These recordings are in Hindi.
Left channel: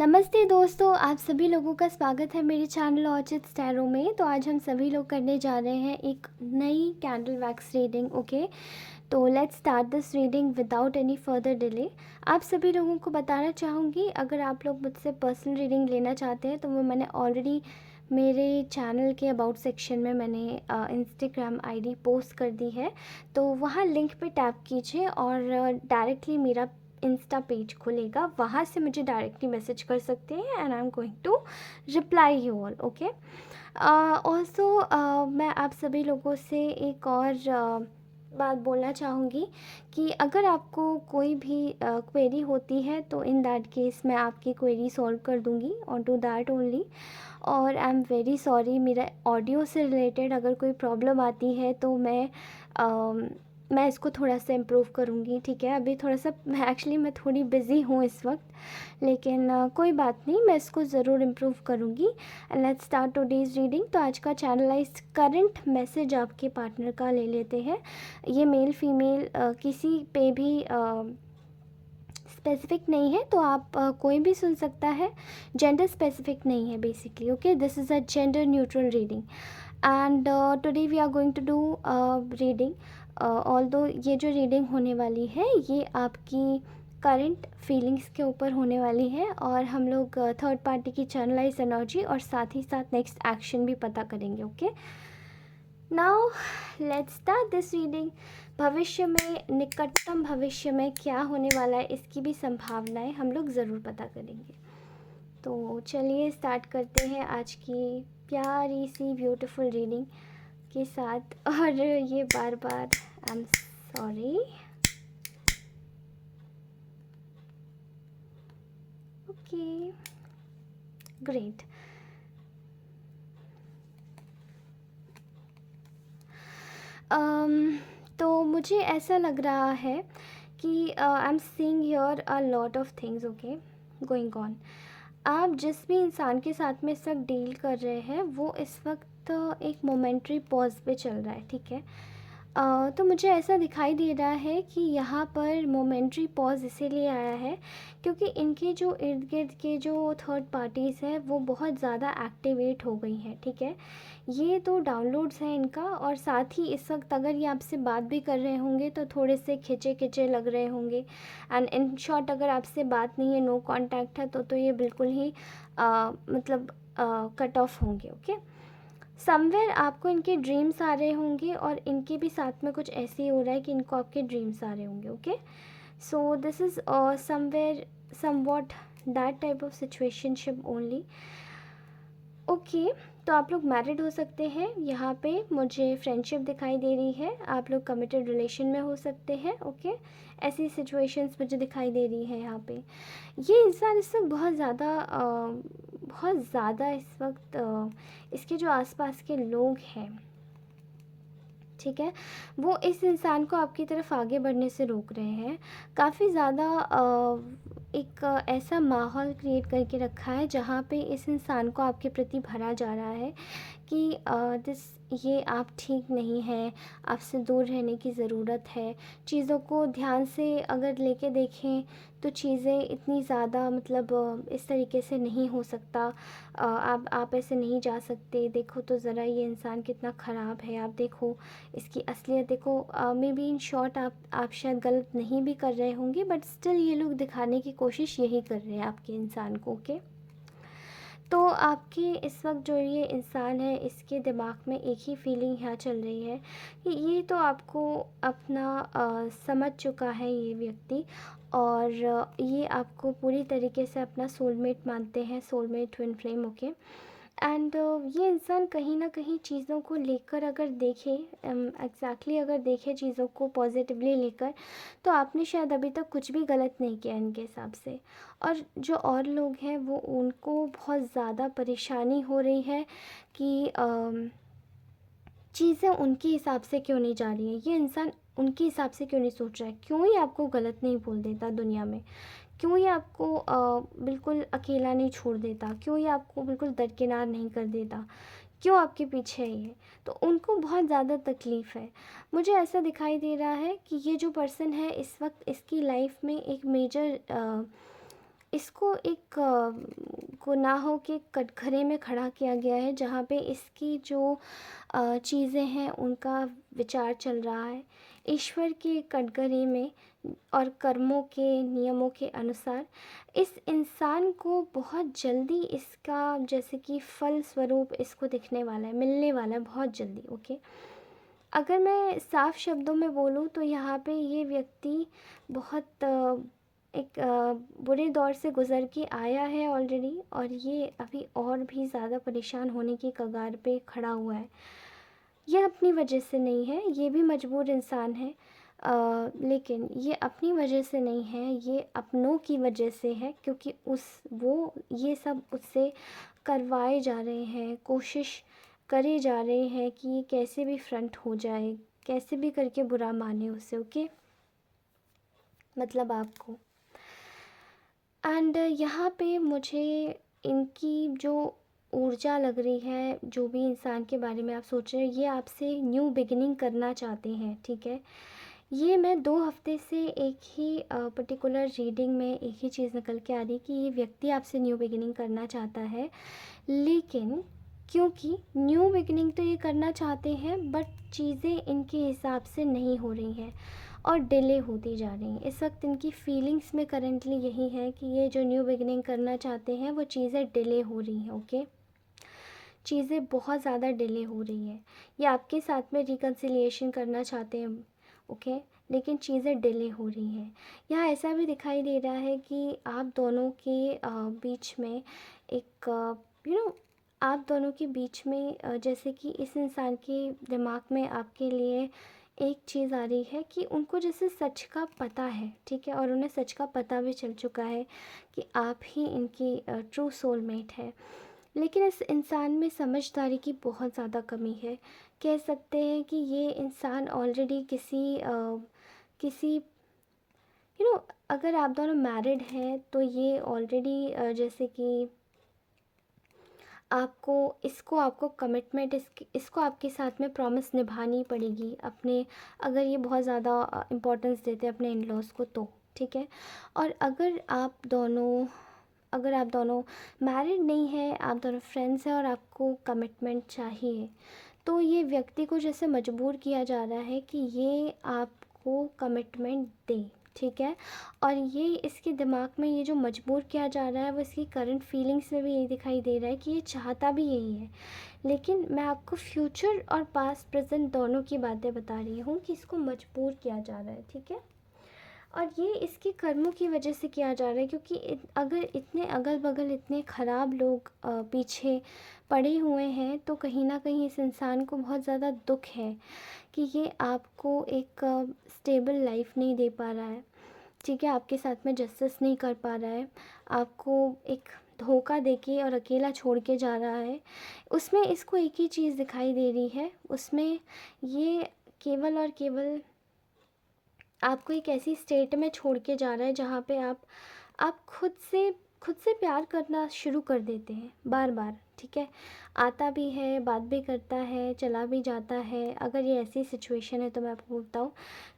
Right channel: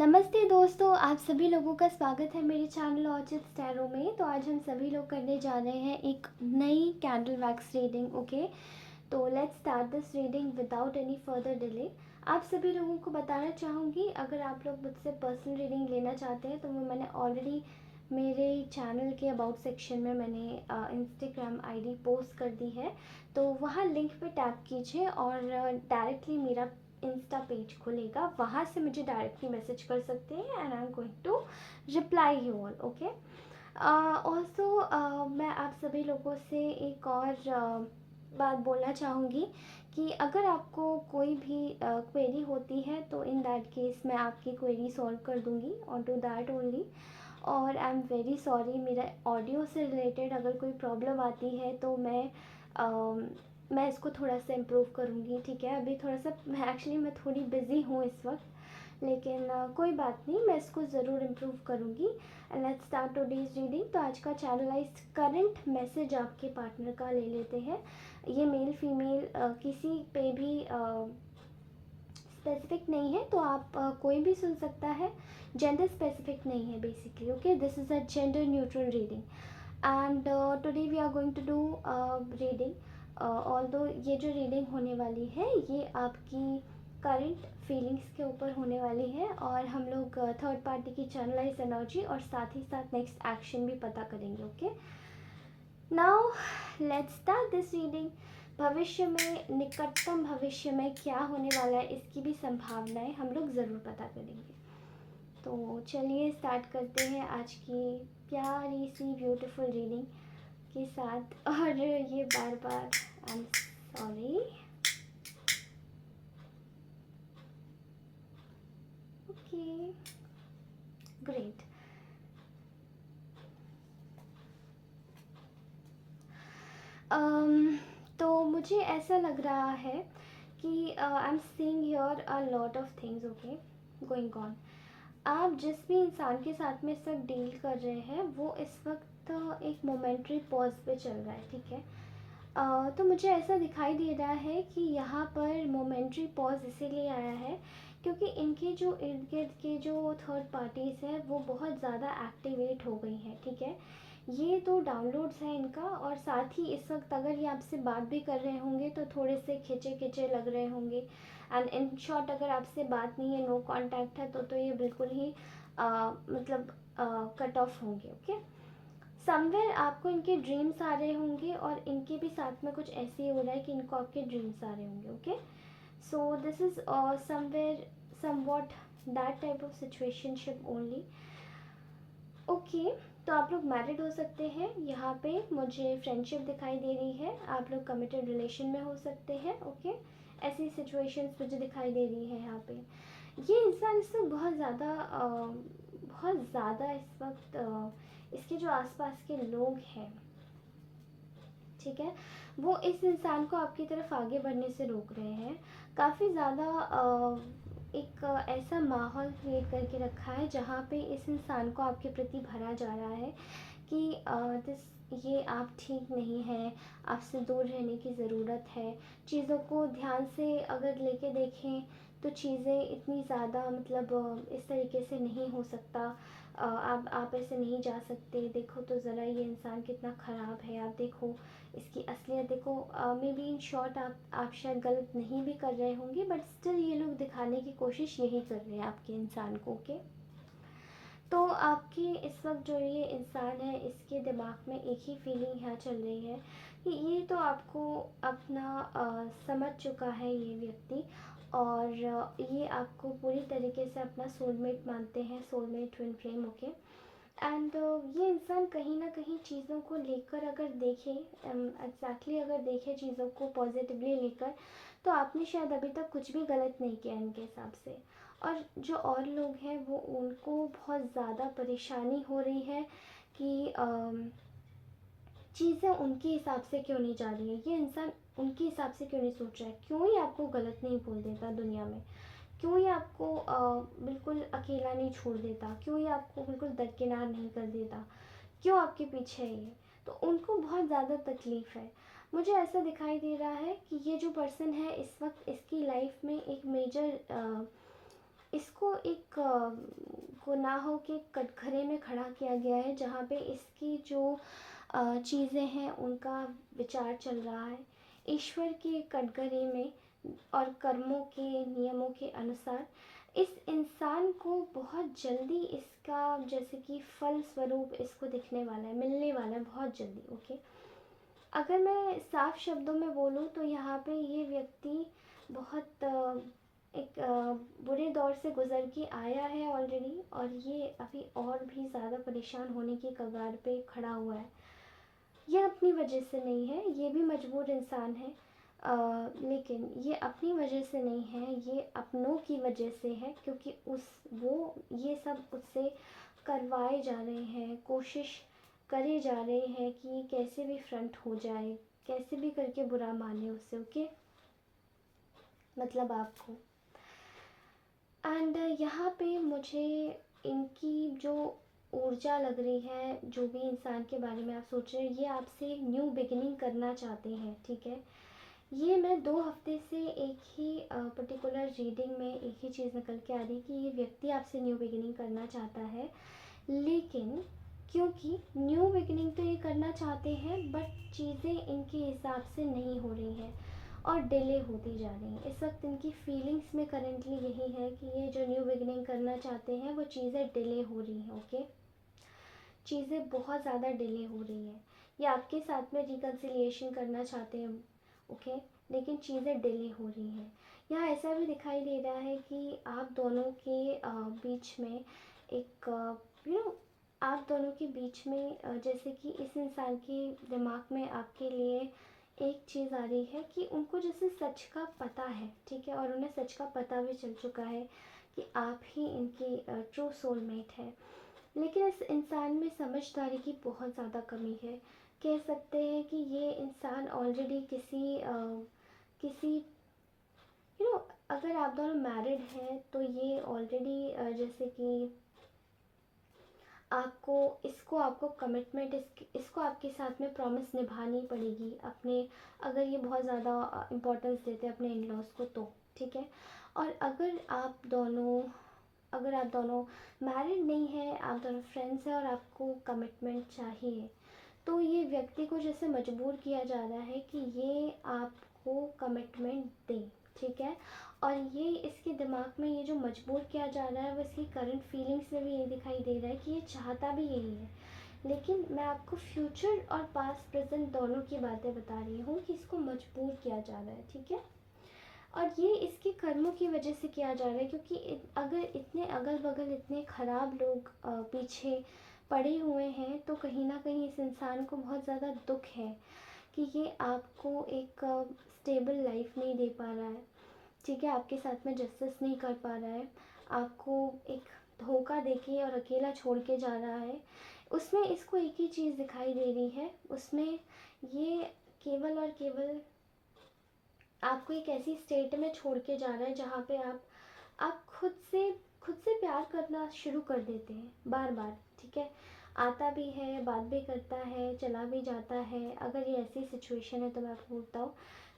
नमस्ते दोस्तों, आप सभी लोगों का स्वागत है मेरे चैनल ऑर्चिड स्टैरो में। तो आज हम सभी लोग करने जा रहे हैं एक नई कैंडल वैक्स रीडिंग। ओके, तो let's start this reading without any further delay. आप सभी लोगों को बताना चाहूँगी, अगर आप लोग मुझसे पर्सनल रीडिंग लेना चाहते हैं तो वो मैंने ऑलरेडी मेरे चैनल के अबाउट सेक्शन में मैंने इंस्टाग्राम आईडी पोस्ट कर दी है। तो वहाँ लिंक पे टैप कीजिए और डायरेक्टली मेरा इंस्टा पेज खुलेगा, वहाँ से मुझे डायरेक्टली मैसेज कर सकते हैं and I am going to reply you all. Okay, also मैं आप सभी लोगों से एक और बात बोलना चाहूँगी कि अगर आपको कोई भी क्वेरी होती है तो इन दैट केस मैं आपकी क्वेरी सॉल्व कर दूँगी और डू दैट ओनली। और आई एम वेरी सॉरी, मेरा ऑडियो से रिलेटेड अगर कोई प्रॉब्लम आती है तो मैं इसको थोड़ा सा इम्प्रूव करूँगी। ठीक है, अभी थोड़ा सा मैं थोड़ी बिज़ी हूँ इस वक्त, लेकिन कोई बात नहीं, मैं इसको ज़रूर इम्प्रूव करूँगी। And let's start today's reading. तो आज का चैनलाइज्ड करंट मैसेज आपके पार्टनर का ले लेते हैं। ये मेल फीमेल किसी पे भी स्पेसिफिक नहीं है, तो आप कोई भी सुन सकता है। जेंडर स्पेसिफिक नहीं है basically. Okay, this is a gender neutral reading and today we are going to do reading. Although ये जो रीडिंग होने वाली है ये आपकी करंट फीलिंग्स के ऊपर होने वाली है, और हम लोग थर्ड पार्टी की चैनलाइज एनर्जी और साथ ही साथ नेक्स्ट एक्शन भी पता करेंगे। Okay, now let's start this reading. भविष्य में, निकटतम भविष्य में क्या होने वाला है इसकी भी संभावनाएं हम लोग ज़रूर पता करेंगे। तो चलिए स्टार्ट करते हैं आज की प्यारी सी ब्यूटीफुल रीडिंग के साथ। और ये बार बार I am sorry. Okay, great. तो मुझे ऐसा लग रहा है कि I am seeing here a lot of things okay going on. आप जिस भी इंसान के साथ में इस वक्त डील कर रहे हैं वो इस वक्त एक मोमेंट्री पॉज पे चल रहा है। ठीक है, तो मुझे ऐसा दिखाई दे रहा है कि यहाँ पर मोमेंट्री पॉज इसीलिए आया है क्योंकि इनके जो इर्द गिर्द के जो थर्ड पार्टीज़ हैं वो बहुत ज़्यादा एक्टिवेट हो गई हैं। ठीक है, ये तो डाउनलोड्स हैं इनका, और साथ ही इस वक्त अगर ये आपसे बात भी कर रहे होंगे तो थोड़े से खिंचे खिंचे लग रहे होंगे। एंड इन शॉर्ट, अगर आपसे बात नहीं है, नो कांटेक्ट है, तो ये बिल्कुल ही मतलब कट ऑफ होंगे। ओके, समवेयर आपको इनके ड्रीम्स आ रहे होंगे और इनके भी साथ में कुछ ऐसे ही हो रहा है कि इनको आपके ड्रीम्स आ रहे होंगे। Okay, so this is somewhere somewhat that type of situationship only. Okay, तो आप लोग मैरिड हो सकते हैं, यहाँ पे मुझे फ्रेंडशिप दिखाई दे रही है, आप लोग कमिटेड रिलेशन में हो सकते हैं। ओके, ऐसी सिचुएशंस मुझे दिखाई दे रही है यहाँ पे। ये इंसान इस वक्त बहुत ज़्यादा इस वक्त इसके जो आसपास के लोग हैं, ठीक है, वो इस इंसान को आपकी तरफ आगे बढ़ने से रोक रहे हैं। काफ़ी ज़्यादा एक ऐसा माहौल क्रिएट करके रखा है जहाँ पे इस इंसान को आपके प्रति भरा जा रहा है कि ये आप ठीक नहीं हैं, आपसे दूर रहने की ज़रूरत है। चीज़ों को ध्यान से अगर लेके देखें तो चीज़ें इतनी ज़्यादा मतलब इस तरीके से नहीं हो सकता। आप ऐसे नहीं जा सकते, देखो तो ज़रा ये इंसान कितना ख़राब है, आप देखो इसकी असलियत देखो। मे बी इन शॉर्ट आप शायद गलत नहीं भी कर रहे होंगे, बट स्टिल ये लोग दिखाने की कोशिश यही कर रहे हैं आपके इंसान को। ओके, तो आपके इस वक्त जो ये इंसान है इसके दिमाग में एक ही फीलिंग यहाँ चल रही है कि ये तो आपको अपना समझ चुका है ये व्यक्ति, और ये आपको पूरी तरीके से अपना सोलमेट मानते हैं, soulmate twin flame. Okay, and ये इंसान कहीं ना कहीं चीज़ों को लेकर अगर देखे, एग्जैक्टली अगर देखे चीज़ों को पॉजिटिवली लेकर, तो आपने शायद अभी तक कुछ भी गलत नहीं किया इनके हिसाब से। और जो और लोग हैं वो उनको बहुत ज़्यादा परेशानी हो रही है कि चीज़ें उनके हिसाब से क्यों नहीं जा रही हैं, ये इंसान उनके हिसाब से क्यों नहीं सोच रहा है, क्यों ही आपको गलत नहीं बोल देता दुनिया में, क्यों ही आपको बिल्कुल अकेला नहीं छोड़ देता, क्यों ही आपको बिल्कुल दरकिनार नहीं कर देता, क्यों आपके पीछे है ये। तो उनको बहुत ज़्यादा तकलीफ़ है। मुझे ऐसा दिखाई दे रहा है कि ये जो पर्सन है इस वक्त इसकी लाइफ में एक मेजर इसको एक गुनाहों के कटघरे में खड़ा किया गया है, जहाँ पे इसकी जो चीज़ें हैं उनका विचार चल रहा है। ईश्वर के कटघरे में और कर्मों के नियमों के अनुसार इस इंसान को बहुत जल्दी इसका जैसे कि फल स्वरूप इसको दिखने वाला है, मिलने वाला है बहुत जल्दी। ओके, अगर मैं साफ शब्दों में बोलूँ तो यहाँ पे ये व्यक्ति बहुत एक बुरे दौर से गुज़र के आया है ऑलरेडी, और ये अभी और भी ज़्यादा परेशान होने की कगार पे खड़ा हुआ है। ये अपनी वजह से नहीं है, ये भी मजबूर इंसान है, लेकिन ये अपनी वजह से नहीं है, ये अपनों की वजह से है, क्योंकि वो ये सब उससे करवाए जा रहे हैं, कोशिश करे जा रहे हैं कि कैसे भी फ्रंट हो जाए, कैसे भी करके बुरा माने उसे। ओके, मतलब आपको। एंड यहाँ पे मुझे इनकी जो ऊर्जा लग रही है, जो भी इंसान के बारे में आप सोच रहे हैं, ये आपसे न्यू बिगिनिंग करना चाहते हैं, ठीक है। ये मैं 2 हफ्ते से एक ही पर्टिकुलर रीडिंग में एक ही चीज़ निकल के आ रही कि ये व्यक्ति आपसे न्यू बिगिनिंग करना चाहता है, लेकिन क्योंकि न्यू बिगिनिंग तो ये करना चाहते हैं, बट चीज़ें इनके हिसाब से नहीं हो रही हैं और डिले होती जा रही हैं। इस वक्त इनकी फीलिंग्स में करेंटली यही है कि ये जो न्यू बिगिनिंग करना चाहते हैं वो चीज़ें डिले हो रही हैं। ओके, चीज़ें बहुत ज़्यादा डिले हो रही हैं। ये आपके साथ में रिकन्सिलिएशन करना चाहते हैं, ओके, लेकिन चीज़ें डिले हो रही हैं। यहाँ ऐसा भी दिखाई दे रहा है कि आप दोनों के बीच में एक आप दोनों के बीच में जैसे कि इस इंसान के दिमाग में आपके लिए एक चीज़ आ रही है कि उनको जैसे सच का पता है, ठीक है, और उन्हें सच का पता भी चल चुका है कि आप ही इनकी ट्रू सोलमेट है। लेकिन इस इंसान में समझदारी की बहुत ज़्यादा कमी है। कह सकते हैं कि ये इंसान ऑलरेडी किसी अगर आप दोनों मैरिड हैं तो ये ऑलरेडी जैसे कि आपको कमिटमेंट इसको आपके साथ में प्रॉमिस निभानी पड़ेगी अपने, अगर ये बहुत ज़्यादा इम्पोर्टेंस देते हैं अपने इन लॉज को तो, ठीक है। और अगर आप दोनों मैरिड नहीं हैं, आप दोनों फ्रेंड्स हैं और आपको कमिटमेंट चाहिए, तो ये व्यक्ति को जैसे मजबूर किया जा रहा है कि ये आपको कमिटमेंट दे, ठीक है। और ये इसके दिमाग में ये जो मजबूर किया जा रहा है वो इसकी करंट फीलिंग्स में भी यही दिखाई दे रहा है कि ये चाहता भी यही है। लेकिन मैं आपको फ्यूचर और पास्ट प्रेजेंट दोनों की बातें बता रही हूँ कि इसको मजबूर किया जा रहा है, ठीक है। और ये इसके कर्मों की वजह से किया जा रहा है, क्योंकि अगर इतने अगल बगल इतने ख़राब लोग पीछे पड़े हुए हैं तो कहीं ना कहीं इस इंसान को बहुत ज़्यादा दुख है कि ये आपको एक स्टेबल लाइफ नहीं दे पा रहा है, ठीक है, आपके साथ में जस्टिस नहीं कर पा रहा है, आपको एक धोखा देके और अकेला छोड़ के जा रहा है। उसमें इसको एक ही चीज़ दिखाई दे रही है, उसमें ये केवल और केवल आपको एक ऐसी स्टेट में छोड़ के जा रहा है जहाँ पे आप खुद से प्यार करना शुरू कर देते हैं बार बार, ठीक है। आता भी है, बात भी करता है, चला भी जाता है। अगर ये ऐसी सिचुएशन है तो मैं आपको बताऊँ,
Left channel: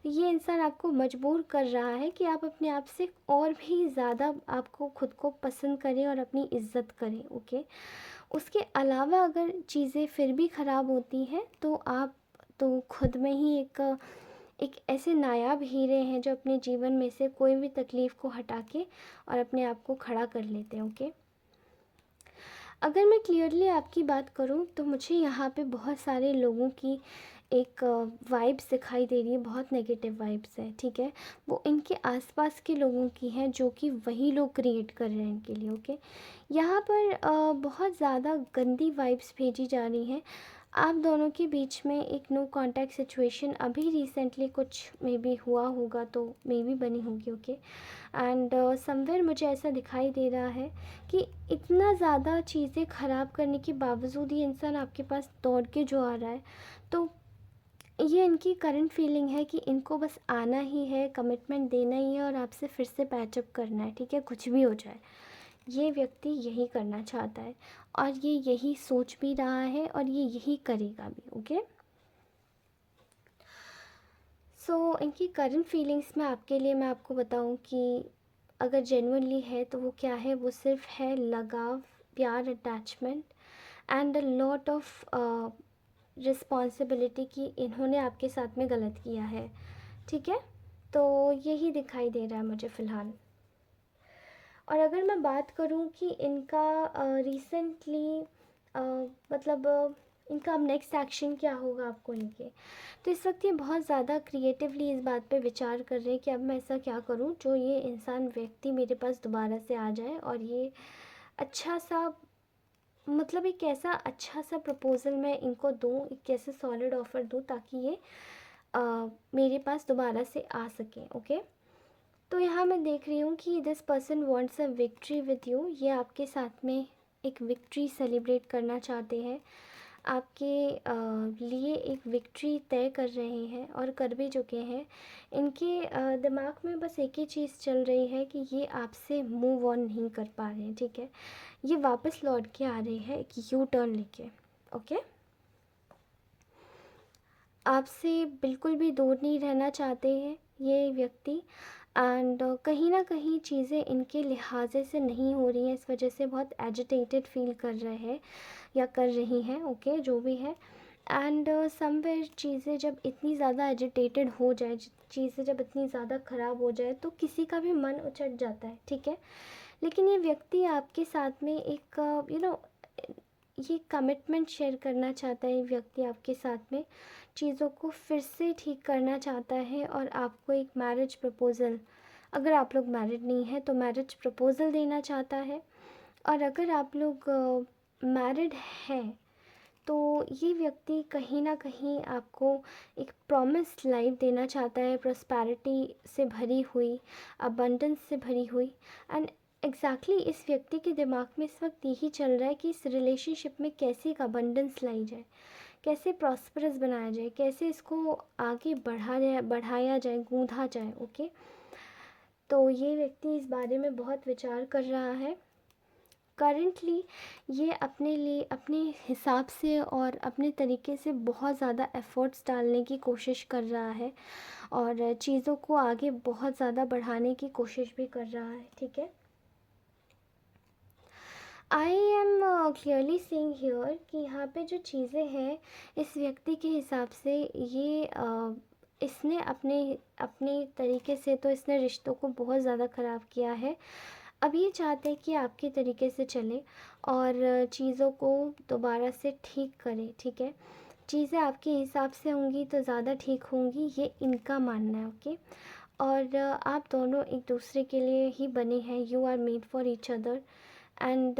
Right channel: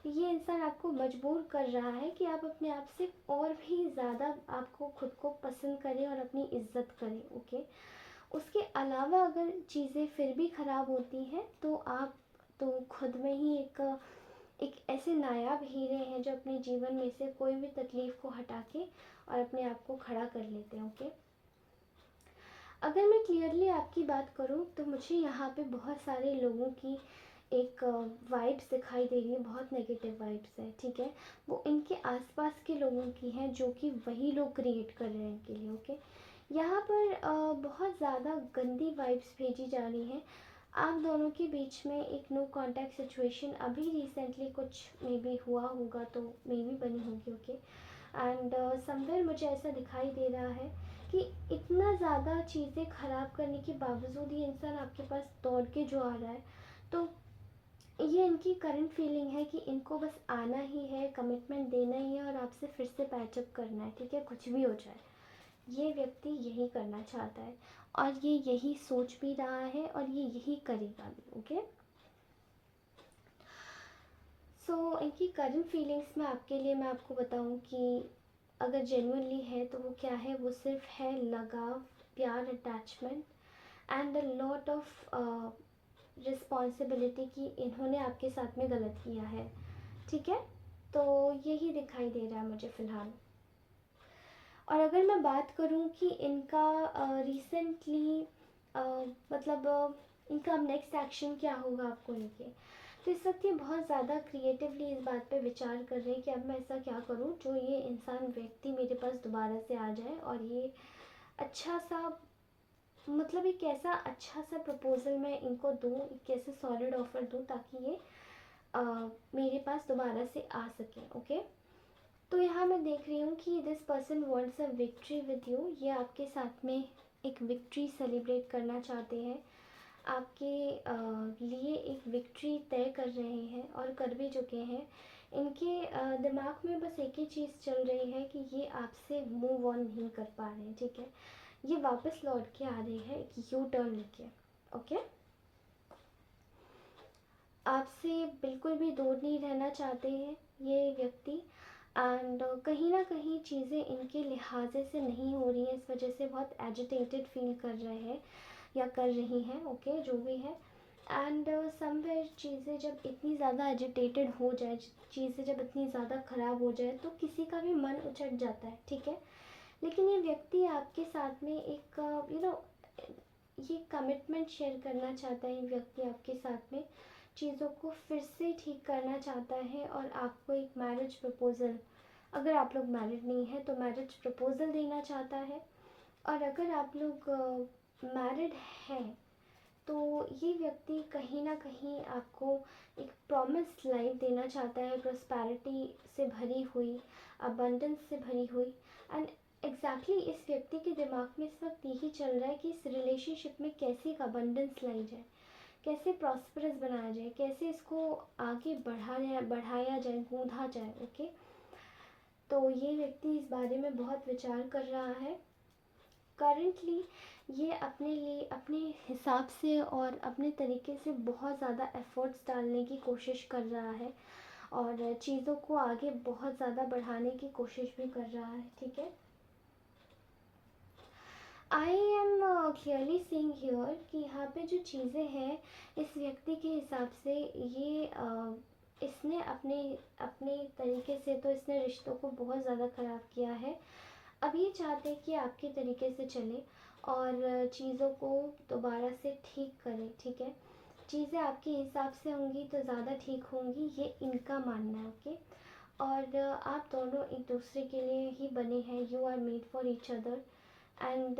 ये इंसान आपको मजबूर कर रहा है कि आप अपने आप से और भी ज़्यादा आपको खुद को पसंद करें और अपनी इज्जत करें, ओके। उसके अलावा अगर चीज़ें फिर भी ख़राब होती हैं तो आप तो खुद में ही एक ऐसे नायाब हीरे हैं जो अपने जीवन में से कोई भी तकलीफ़ को हटा के और अपने आप को खड़ा कर लेते हैं, ओके। अगर मैं क्लियरली आपकी बात करूं तो मुझे यहाँ पे बहुत सारे लोगों की एक वाइब्स दिखाई दे रही है, बहुत नेगेटिव वाइब्स है, ठीक है। वो इनके आसपास के लोगों की हैं जो कि वही लोग क्रिएट कर रहे हैं इनके लिए, ओके। यहाँ पर बहुत ज़्यादा गंदी वाइब्स भेजी जा रही हैं। आप दोनों के बीच में एक नो कांटेक्ट सिचुएशन अभी रिसेंटली कुछ मे बी हुआ होगा, तो मे बी बनी होगी, ओके। एंड समवेयर मुझे ऐसा दिखाई दे रहा है कि इतना ज़्यादा चीज़ें ख़राब करने के बावजूद ये इंसान आपके पास दौड़ के जो आ रहा है, तो ये इनकी करंट फीलिंग है कि इनको बस आना ही है, कमिटमेंट देना ही है और आपसे फिर से पैचअप करना है, ठीक है, कुछ भी हो जाए। ये व्यक्ति यही करना चाहता है और ये यही सोच भी रहा है और ये यही करेगा भी, ओके। सो इनकी करंट फीलिंग्स में आपके लिए मैं आपको बताऊं कि अगर जेन्युइनली है तो वो क्या है, वो सिर्फ है लगाव, प्यार, attachment and a lot of responsibility कि इन्होंने आपके साथ में गलत किया है। ठीक है, तो यही दिखाई दे रहा है मुझे फ़िलहाल। और अगर मैं बात करूं कि इनका रिसेंटली मतलब इनका अब नेक्स्ट एक्शन क्या होगा आपको लेके, तो इस वक्त ये बहुत ज़्यादा क्रिएटिवली इस बात पे विचार कर रहे हैं कि अब मैं ऐसा क्या करूं जो ये इंसान व्यक्ति मेरे पास दोबारा से आ जाए और ये अच्छा सा, मतलब एक ऐसा अच्छा सा प्रपोज़ल मैं इनको दूं, एक ऐसे सॉलिड ऑफ़र दूं ताकि ये मेरे पास दोबारा से आ सकें। ओके, तो यहाँ मैं देख रही हूँ कि this person wants a victory with you. ये आपके साथ में एक विक्ट्री सेलिब्रेट करना चाहते हैं, आपके लिए एक विक्ट्री तय कर रहे हैं और कर भी चुके हैं। इनके दिमाग में बस एक ही चीज़ चल रही है कि ये आपसे मूव ऑन नहीं कर पा रहे हैं। ठीक है, ये वापस लौट के आ रहे हैं एक यू टर्न लेके। ओके, आपसे बिल्कुल भी दूर नहीं रहना चाहते हैं ये व्यक्ति, एंड कहीं ना कहीं चीज़ें इनके लिहाजे से नहीं हो रही हैं, इस वजह से बहुत एजिटेटेड फील कर रहे हैं या कर रही हैं। ओके, जो भी है, एंड समवेयर चीज़ें जब इतनी ज़्यादा एजिटेटेड हो जाए, चीज़ें जब इतनी ज़्यादा ख़राब हो जाए तो किसी का भी मन उचट जाता है। ठीक है, लेकिन ये व्यक्ति आपके साथ में एक ये कमिटमेंट शेयर करना चाहता है। ये व्यक्ति आपके साथ में चीज़ों को फिर से ठीक करना चाहता है और आपको एक मैरिज प्रपोज़ल, अगर आप लोग मैरिड नहीं हैं तो मैरिज प्रपोज़ल देना चाहता है, और अगर आप लोग मैरिड हैं तो ये व्यक्ति कहीं ना कहीं आपको एक प्रॉमिस लाइफ देना चाहता है, प्रॉस्पैरिटी से भरी हुई, अबंडेंस से भरी हुई। एंड एग्जैक्टली इस व्यक्ति के दिमाग में इस वक्त यही चल रहा है कि इस रिलेशनशिप में कैसे एक अबंडेंस लाई जाए, कैसे प्रॉस्परस बनाया जाए, कैसे इसको आगे बढ़ाया जाए, गूंधा जाए। ओके, तो ये व्यक्ति इस बारे में बहुत विचार कर रहा है करंटली। ये अपने लिए अपने हिसाब से और अपने तरीके से बहुत ज़्यादा एफ़र्ट्स डालने की कोशिश कर रहा है और चीज़ों को आगे बहुत ज़्यादा बढ़ाने की कोशिश भी कर रहा है। ठीक है, I am clearly seeing here कि यहाँ पे जो चीज़ें हैं इस व्यक्ति के हिसाब से ये इसने अपने अपने तरीके से तो इसने रिश्तों को बहुत ज़्यादा ख़राब किया है। अब ये चाहते हैं कि आपके तरीके से चले और चीज़ों को दोबारा से ठीक करें। ठीक है, चीज़ें आपके हिसाब से होंगी तो ज़्यादा ठीक होंगी, ये इनका मानना है। ओके, और आप दोनों एक दूसरे के लिए ही बने हैं, you are made for each other and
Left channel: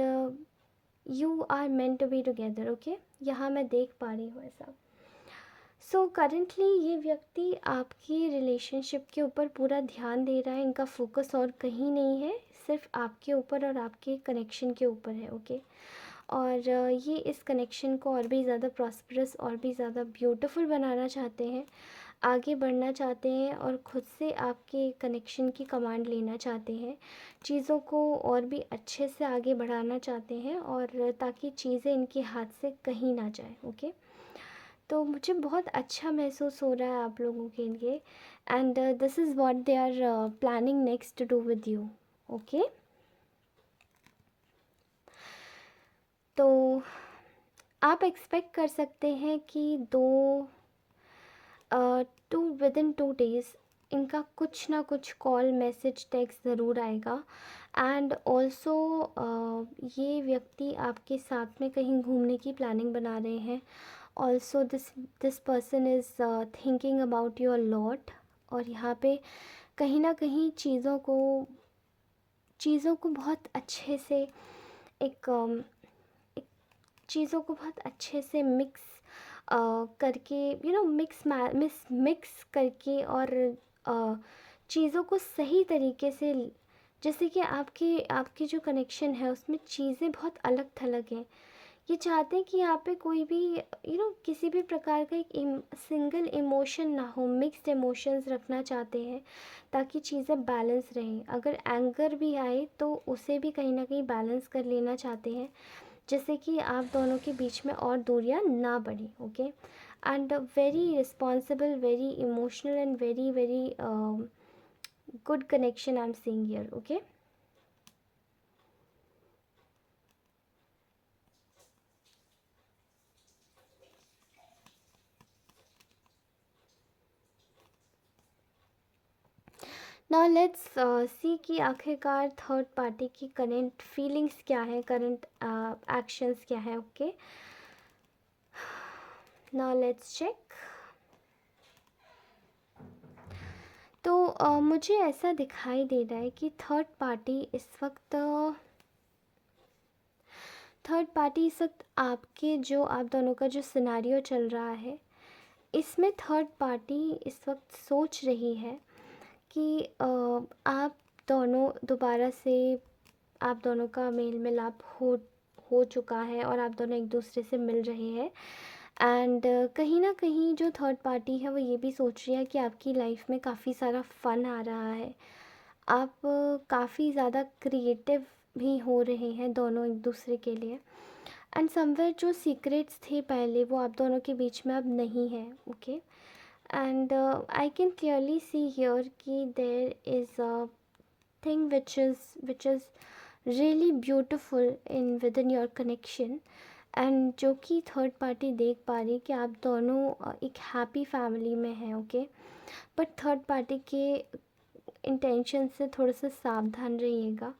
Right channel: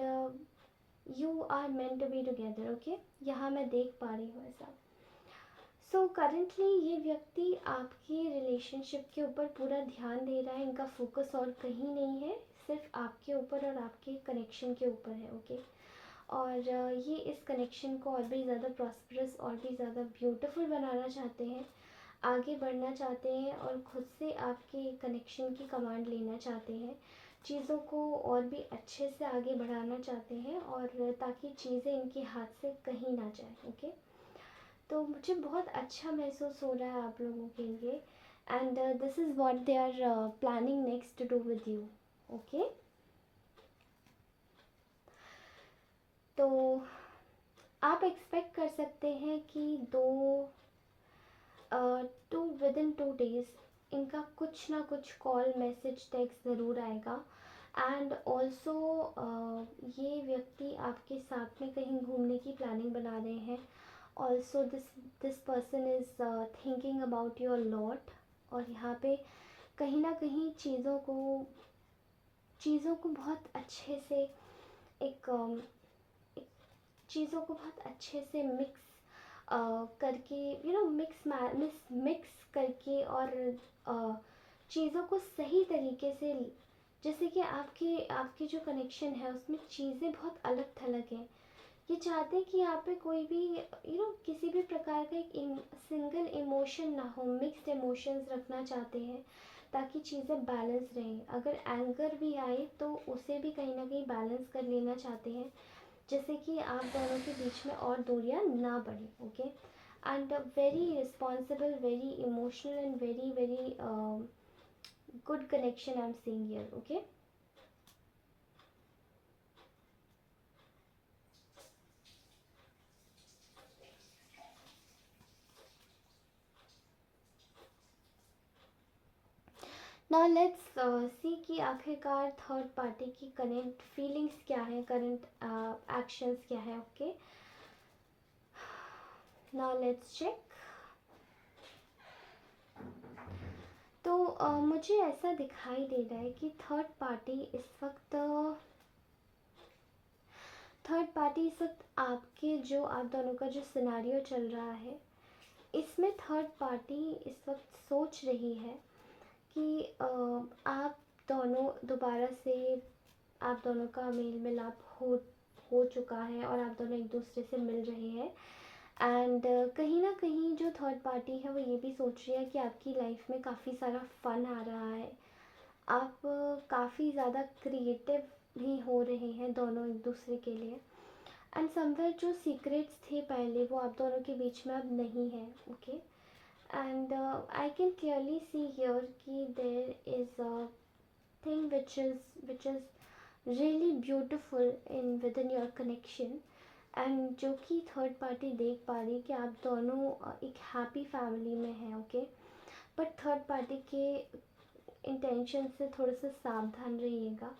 you are meant to be together. Okay, यहाँ मैं देख पा रही हूँ ऐसा। सो करेंटली ये व्यक्ति आपकी रिलेशनशिप के ऊपर पूरा ध्यान दे रहा है, इनका फोकस और कहीं नहीं है, सिर्फ आपके ऊपर और आपके कनेक्शन के ऊपर है। ओके, और ये इस कनेक्शन को और भी ज़्यादा प्रॉस्परस और भी ज़्यादा ब्यूटीफुल बनाना चाहते हैं, आगे बढ़ना चाहते हैं और ख़ुद से आपके कनेक्शन की कमांड लेना चाहते हैं, चीज़ों को और भी अच्छे से आगे बढ़ाना चाहते हैं और ताकि चीज़ें इनके हाथ से कहीं ना जाए। ओके, तो मुझे बहुत अच्छा महसूस हो रहा है आप लोगों के लिए, and this is what they are planning next to do with you. Okay, तो आप एक्सपेक्ट कर सकते हैं कि विद इन 2 days इनका कुछ ना कुछ कॉल, मैसेज, टेक्स्ट ज़रूर आएगा। एंड ऑल्सो ये व्यक्ति आपके साथ में कहीं घूमने की प्लानिंग बना रहे हैं। Also this person is thinking about you a lot, और यहाँ पे कहीं ना कहीं चीज़ों को बहुत अच्छे से एक चीज़ों को बहुत अच्छे से मिक्स करके, मिक्स करके और चीज़ों को सही तरीके से, जैसे कि आपके आपके जो कनेक्शन है उसमें चीज़ें बहुत अलग थलग हैं। ये चाहते हैं कि यहाँ पे कोई भी किसी भी प्रकार का एक सिंगल इमोशन ना हो, मिक्स्ड इमोशंस रखना चाहते हैं ताकि चीज़ें बैलेंस रहें। अगर एंगर भी आए तो उसे भी कहीं ना कहीं बैलेंस कर लेना चाहते हैं, जैसे कि आप दोनों के बीच में और दूरियां ना बढ़े। Okay, and very responsible, very emotional and very very good connection I am seeing here. Okay, now let's see कि आखिरकार थर्ड पार्टी की करंट फीलिंग्स क्या है, करंट एक्शंस क्या है. Okay, now let's check. तो मुझे ऐसा दिखाई दे रहा है कि थर्ड पार्टी इस वक्त आपके जो आप दोनों का जो सिनेरियो चल रहा है, इसमें थर्ड पार्टी इस वक्त सोच रही है कि आप दोनों दोबारा से, आप दोनों का मेल मिलाप हो चुका है और आप दोनों एक दूसरे से मिल रहे हैं. एंड कहीं ना कहीं जो थर्ड पार्टी है वो ये भी सोच रही है कि आपकी लाइफ में काफ़ी सारा फ़न आ रहा है. आप काफ़ी ज़्यादा क्रिएटिव भी हो रहे हैं दोनों एक दूसरे के लिए. एंड समवेयर जो सीक्रेट्स थे पहले वो आप दोनों के बीच में अब नहीं है. Okay, and I can clearly see here कि there is a thing which is really beautiful in with in your connection. And जो कि थर्ड पार्टी देख पा रही कि आप दोनों एक हैप्पी फैमिली में हैं. ओके, बट थर्ड पार्टी के इंटेंशन से थोड़ा सा सावधान रहिएगा.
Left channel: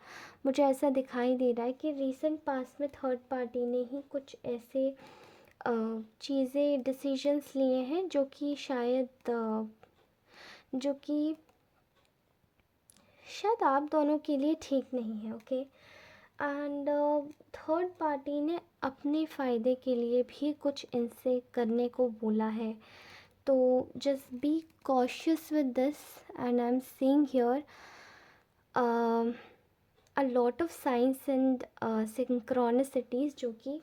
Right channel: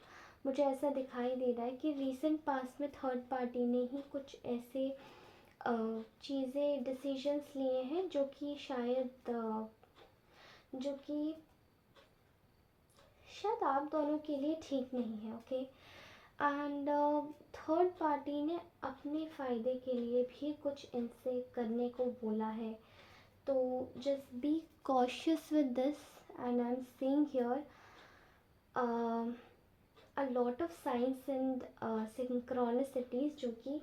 मुझे ऐसा दिखाई दे रहा है कि रीसेंट पास्ट में थर्ड पार्टी ने ही कुछ ऐसे चीज़ें डिसीजंस लिए हैं जो कि शायद आप दोनों के लिए ठीक नहीं है. ओके, एंड थर्ड पार्टी ने अपने फ़ायदे के लिए भी कुछ इनसे करने को बोला है. तो just be cautious with this. And I am seeing here a lot of science and synchronicities जो कि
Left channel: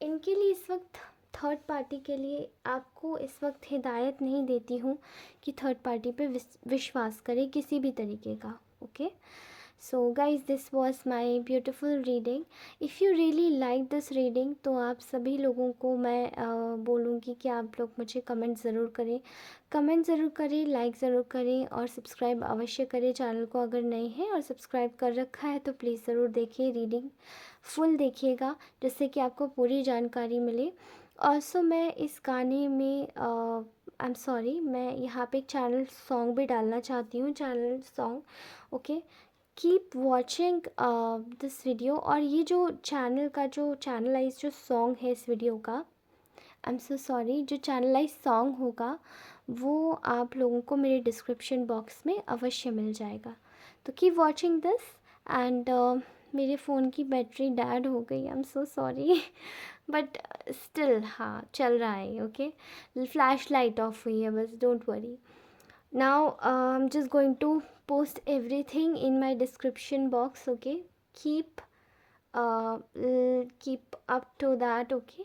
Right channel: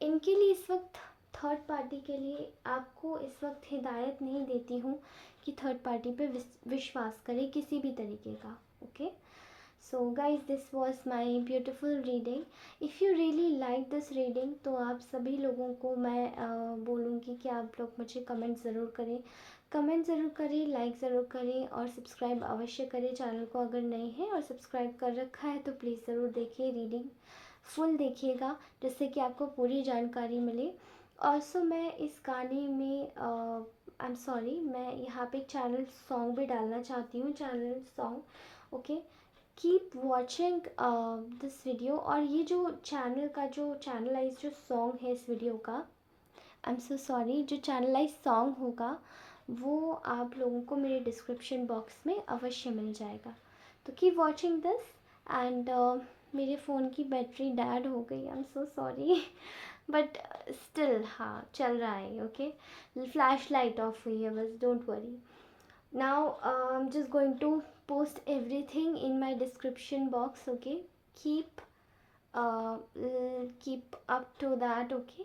इनके लिए इस वक्त थर्ड पार्टी के लिए आपको इस वक्त हिदायत नहीं देती हूँ कि थर्ड पार्टी पे विश्वास करें किसी भी तरीके का. Okay, so guys this was my beautiful reading. If you really like this reading तो आप सभी लोगों को मैं बोलूँगी कि आप लोग मुझे कमेंट ज़रूर करें, लाइक ज़रूर करें और सब्सक्राइब अवश्य करें चैनल को अगर नए हैं. और सब्सक्राइब कर रखा है तो प्लीज़ ज़रूर देखिए, रीडिंग फुल देखिएगा जिससे कि आपको पूरी जानकारी मिले. ऑल्सो मैं इस गाने में आई एम सॉरी, मैं यहाँ पे एक चैनल सॉन्ग भी डालना चाहती हूँ, channel song. Okay, keep watching this video. और ये जो चैनल का जो चैनलाइज जो सॉन्ग है इस वीडियो का, आई एम सो सॉरी, जो चैनलाइज सॉन्ग होगा वो आप लोगों को मेरे डिस्क्रिप्शन बॉक्स में अवश्य मिल जाएगा. तो कीप वॉचिंग दिस. एंड मेरे फ़ोन की बैटरी डेड हो गई, I am so sorry. But still हाँ चल रहा है. ओके, फ्लैश लाइट ऑफ हुई है बस, don't worry. Now I am just going to post everything in my description box. Okay, keep keep up to that. Okay,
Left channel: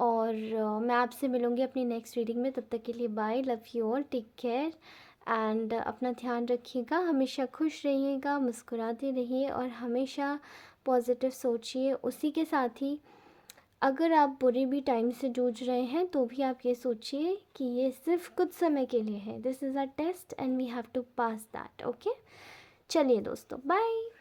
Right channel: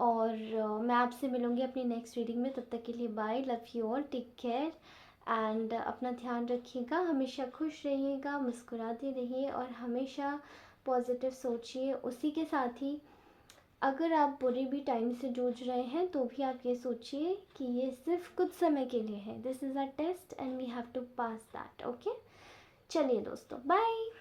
और मैं आपसे मिलूँगी अपनी नेक्स्ट रीडिंग में. तब तक के लिए bye, love you all, take care. And अपना ध्यान रखिएगा, हमेशा खुश रहिएगा, मुस्कुराते रहिए और हमेशा पॉजिटिव सोचिए. उसी के साथ ही अगर आप बुरे भी टाइम से जूझ रहे हैं तो भी आप ये सोचिए कि ये सिर्फ कुछ समय के लिए है. This is a test and we have to pass that. Okay, चलिए दोस्तों, बाय.